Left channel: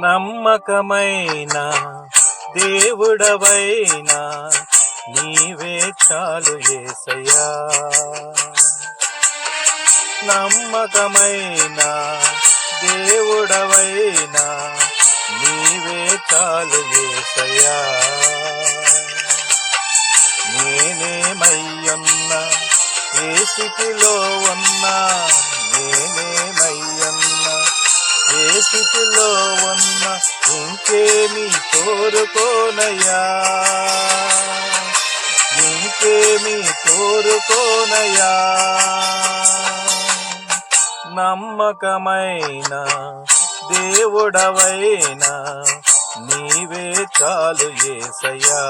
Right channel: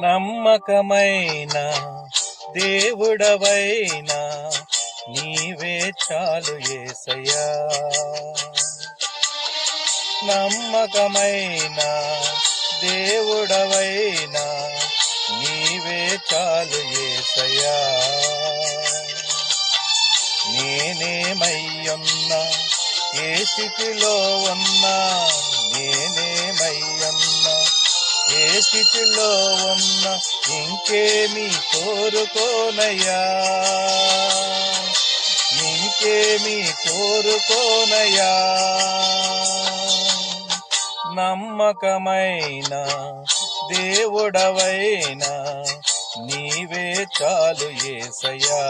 నమ్మకమైన దేవుడవైనా నీవే చాలు యేసయ్యా. నమ్మకమైన దేవుడవైనా నీవే చాలు యేసయ్యా. నేనేమయ్యున్నా ఏ స్థితిలో ఉన్నా, నేనేమయ్యున్నా ఏ స్థితిలో ఉన్నా ఇంకేమీ కోరుకోనయ్యా, ఇంకేమీ కోరుకోనయ్యా. నమ్మకమైన దేవుడవైనా నీవే చాలు యేసయ్యా.